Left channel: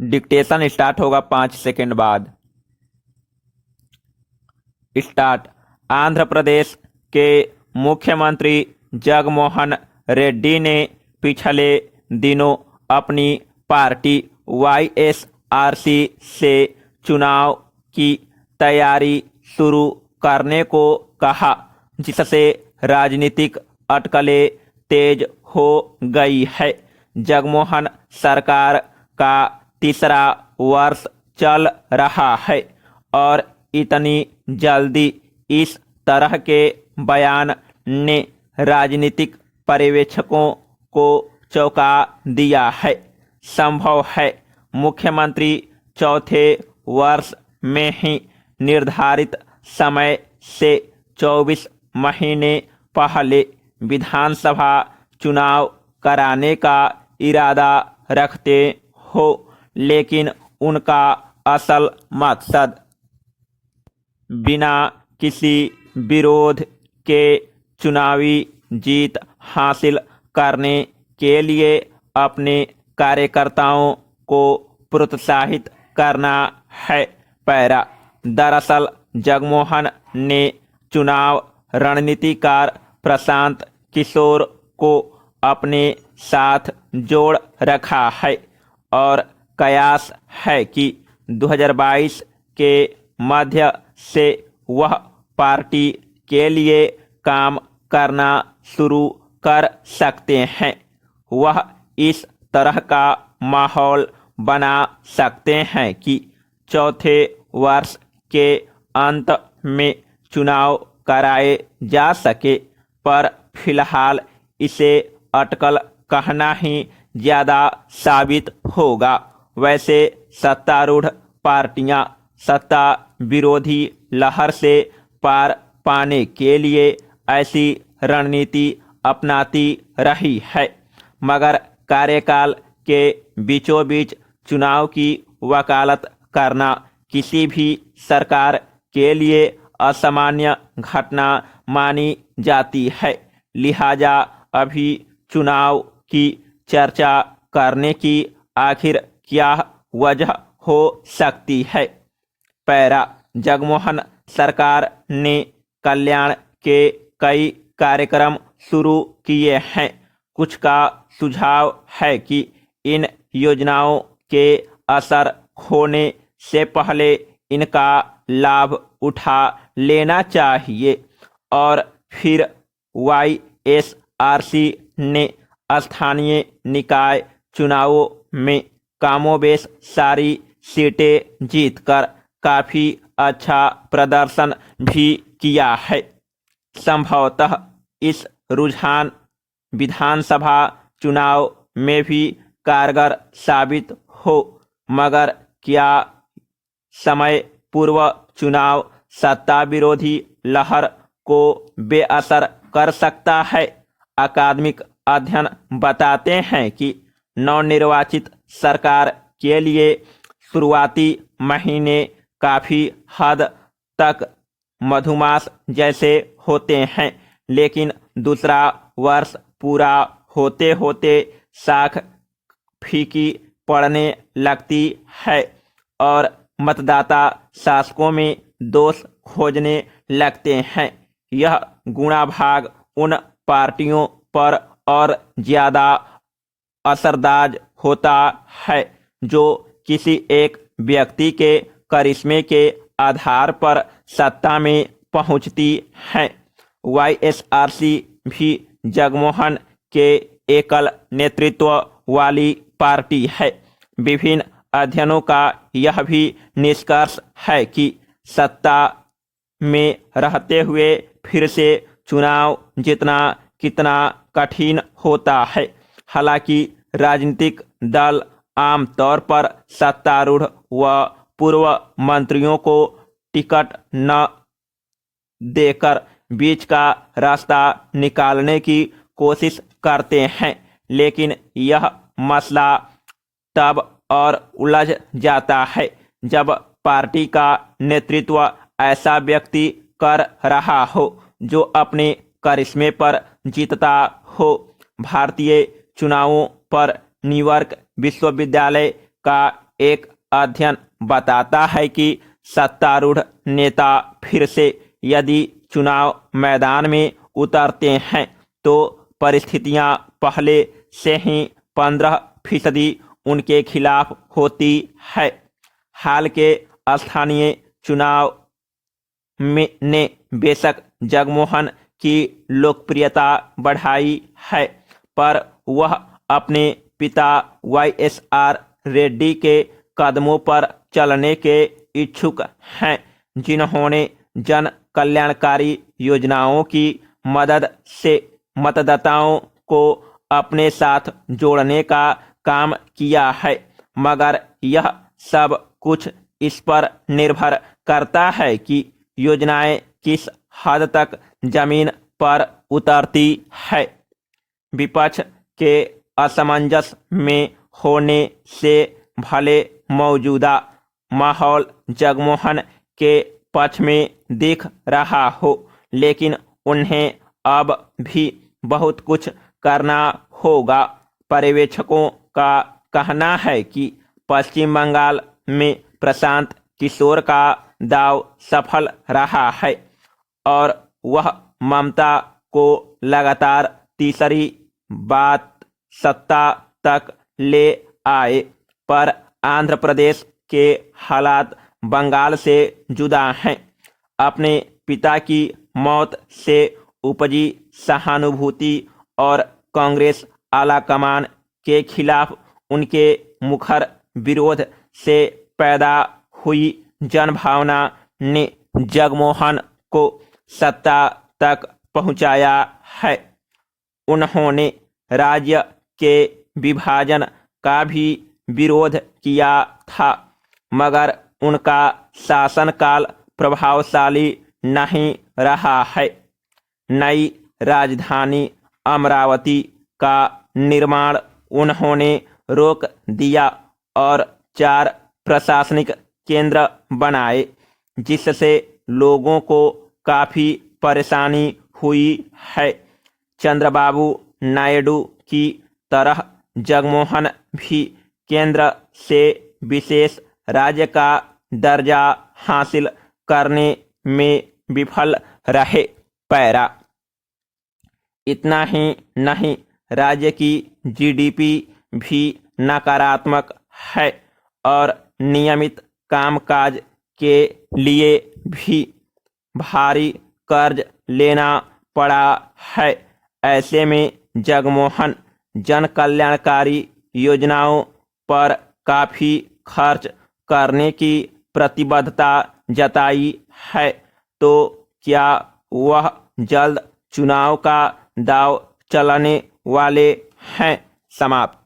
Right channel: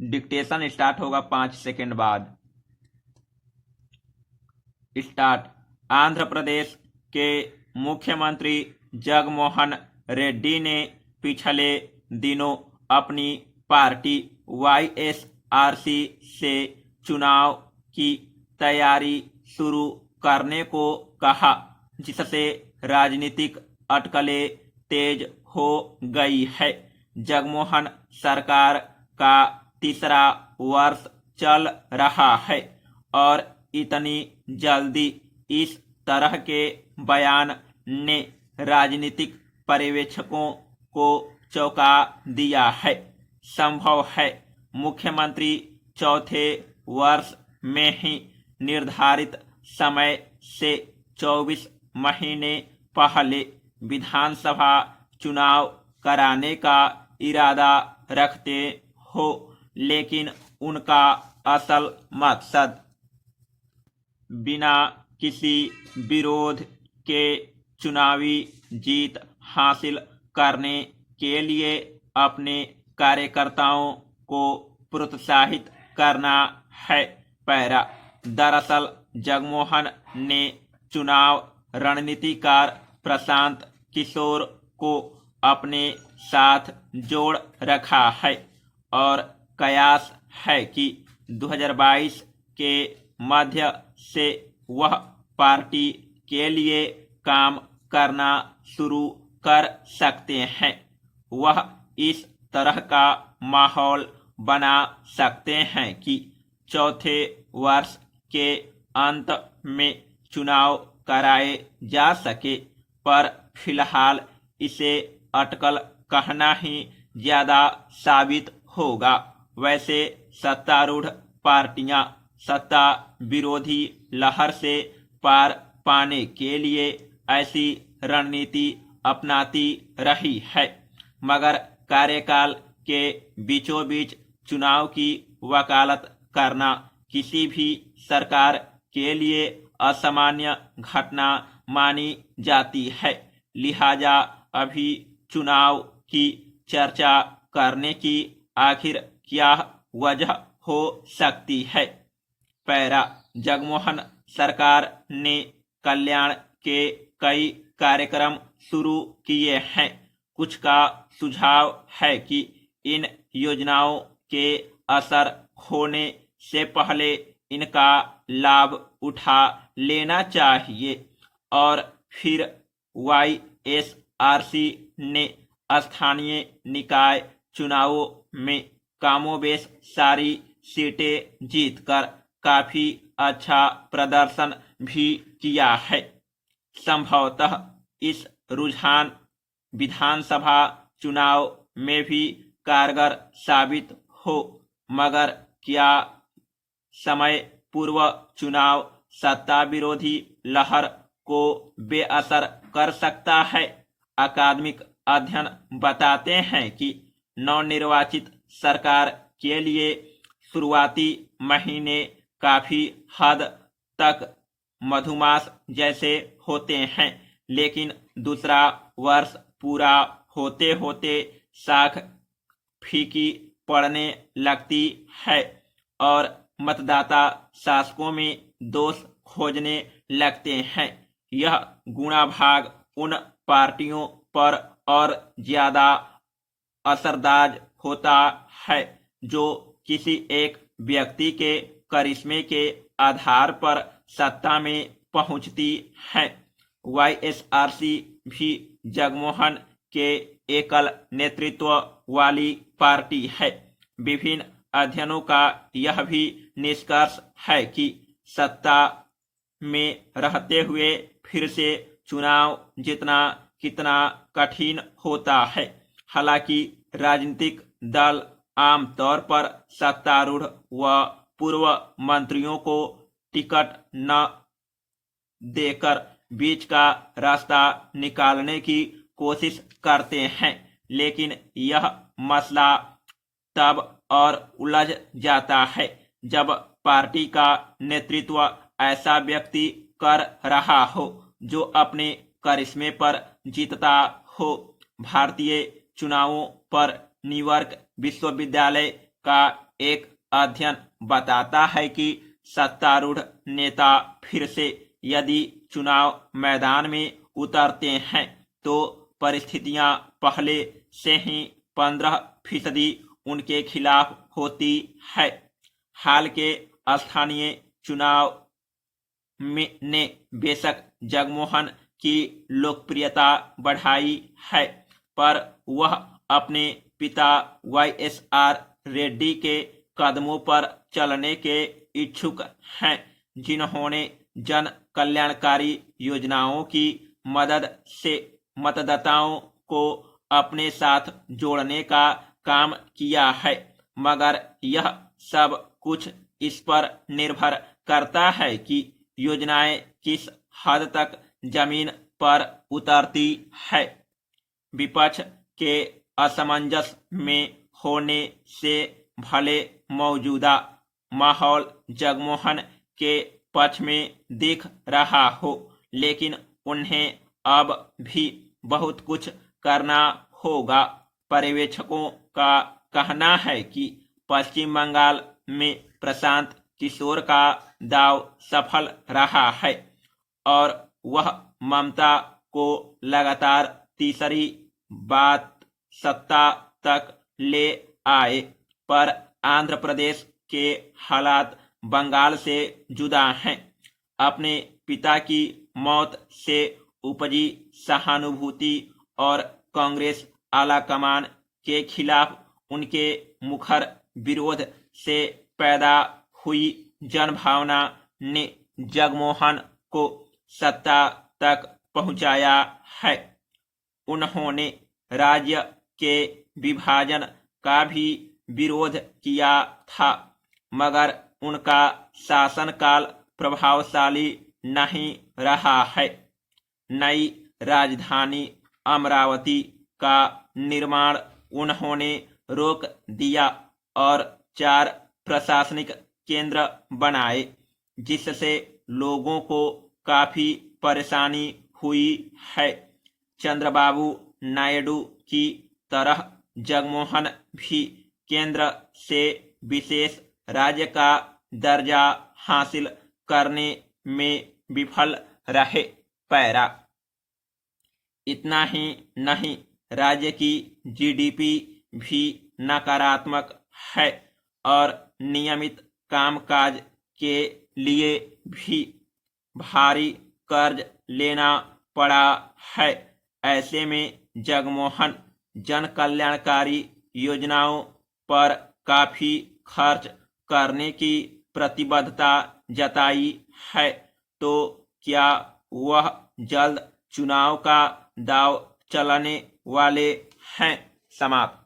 Dictation start होगा 5 second बाद। Start. Andhra Pradesh के मुख्यमंत्री जगनमोहन रेड्डी ने पिछले दिनों अपनी पार्टी वाईएसआरसी से चुनाव की तैयारी शुरू करने को कहा, जिससे राजनीतिक अटकलें तेज हो गई है। जगनमोहन सरकार का तीसरा वर्ष चल रहा है और इतनी जल्दी इस तरह के बयान ने राजनीतिक पर्यवेक्षकों को चौंका दिया है। संभव है मुख्यमंत्री चौथे वर्ष में ही निर्धारित समय से 24 महीने पहले विधानसभा चुनाव कराने का इरादा रखते हो, लेकिन उनका असल मकसद बिना किसी विरोध के चुनावी जीत हासिल करने के लिए अपने कार्यकर्ताओं को प्रोत्साहित करना है। पैरा। दरअसल जगनमोहन ने चुनाव रणनीतिकार प्रशांत किशोर को अपने साथ जोड़ रखा है और कयास है कि 2022 के मध्य से वह पार्टी के लिए काम करना शुरू कर सकते हैं। वह इस तरह का माहौल बना सकते हैं कि चौथे वर्ष के अंत में चुनाव कराए जा सके, पर फिलहाल इसे अटकल कहना ही ज़्यादा साबित होगा। वैसे सत्तारूढ़ पार्टियां सत्ता विरोधी लहर से पार पाने के लिए ऐसी रणनीति अपनाती रही है, मगर कार्यकाल के बीचों बीच चुनाव की वकालत करना किसी भी सरकार के लिए असामान्य घटना मानी जाती है। लिहाजा अभी चुनाव की चर्चा करने की आखिर क्या वजह हो सकती है। पैरा। जगनमोहन सरकार ने कल्याण के कई कार्यक्रम शुरू किए हैं। कुछ का सुझाव है कि इन योजनाओं के असर होने से पहले इनका लाभ उठा लेना चाहिए और फिर वाईएसआरसी ने स्थानीय निकाय चुनावों में कमोबेश सारी सीटें जीतकर काफी अच्छा प्रदर्शन भी किया है। संभवतः इस रुझान विधानसभा चुनाव में भी कारगर साबित हो, मगर क्या समय पूर्व चुनाव सत्ता विरोधी लहर को बेअसर कर सकता है। अकादमिक अध्ययन बताते हैं कि नवनिर्वाचित सरकार के लिए शुरुआती महीने काफी हद तक मधुमास जैसे होते हैं, लेकिन दूसरा वर्ष पूरा होते होते साख फीकी पड़ने लगती है और मतदाता शासकों में दोष खोजने लगते हैं। यह गुणाभाग उन पार्टियों पर और ज्यादा असरदार होता है जो किसी एक व्यक्ति के करिश्मे के आधार पर सत्ता में पहुंचती हैं। वाईएसआरसी भी जगनमोहन के एकल नेतृत्व वाली पार्टी है। विभिन्न अध्ययनों का यह भी निष्कर्ष है कि सत्ता में रहते हुए फिर से चुनाव जीतना कितना कठिन होता है। हालांकि राजनीतिक दल आमतौर पर सत्तारूढ़ व पूर्व मंत्रियों को टिकट न देकर बीच का रास्ता निकालने की कोशिश करते हैं, लेकिन यह मसला तब और उलझ जाता है जब पार्टी का नेतृत्व ऐसा व्यक्ति कर रहा हो जो अपने करिश्मे पर जीतता हो। भारतीय चुनावों पर न्यूयॉर्क विश्वविद्यालय का एक अध्ययन बताता है कि सत्तारूढ़ नेता फिर से यदि चुनाव मैदान में उतरते हैं तो परिस्थितियां पहले से ही 15% उनके खिलाफ होती है। हाल के स्थानीय चुनाव ने बेशक जगमोहन की लोकप्रियता बढ़ाई है, पर वह अपने पिता YSR रेड्डी के कदमों पर चलने के इच्छुक हैं, जिन्होंने जन कल्याणकारी योजनाओं की मदद से मतदाताओं को अपने साथ जोड़ने का काम किया है। मगर यह सब कुछ इस पर निर्भर करता है कि योजनाएं किस हद तक जमीन पर उतरती है। विपक्ष के असमंजस में होने से भले मौजूदा माहौल जगमोहन के पक्ष में दिख रहा हो, लेकिन उन्हें अब भी बहुत कुछ करना होगा। पर्यवेक्षकों का कहना है कि पश्चिम बंगाल में प्रशांत किशोर का दाव सफल रहा है और वह ममता को लगातार तीसरी बात सत्ता तक ले आए, पर आंध्र प्रदेश के हालात बंगाल से जुदा हैं। अपने पिता की मौत से उपजी सहानुभूति और कांग्रेस आलाकमान के खिलाफ उनके मुखर विरोध से पैदा हुई जनभावना ने जगमोहन को सत्ता तक पहुंचाया है। उन्होंने राज्य के विभाजन का भी विरोध किया था, मगर उनका शासनकाल प्रभावशाली नहीं रहा है। नई राजधानी अमरावती का निर्माण उन्होंने रोक दिया और 4 प्रशासनिक केंद्र बनाए, जिससे लोगों को काफी परेशानी हुई है। चंद्रबाबू नायडू की तरह जगमोहन भी केंद्र से विशेष राज्य का दर्जा हासिल करने में विफल रहे। पैरा इतना ही नहीं, राज्य की GDP भी नकारात्मक है और नियमित कामकाज के लिए भी भारी कर्ज लेना पड़ा है। ऐसे में जगमोहन जन कल्याणकारी योजनाओं पर काफी खर्च करने की प्रतिबद्धता जताई है, तो क्या वह जल्द चुनाव का दाव चलाने वाले हैं? समाप्त।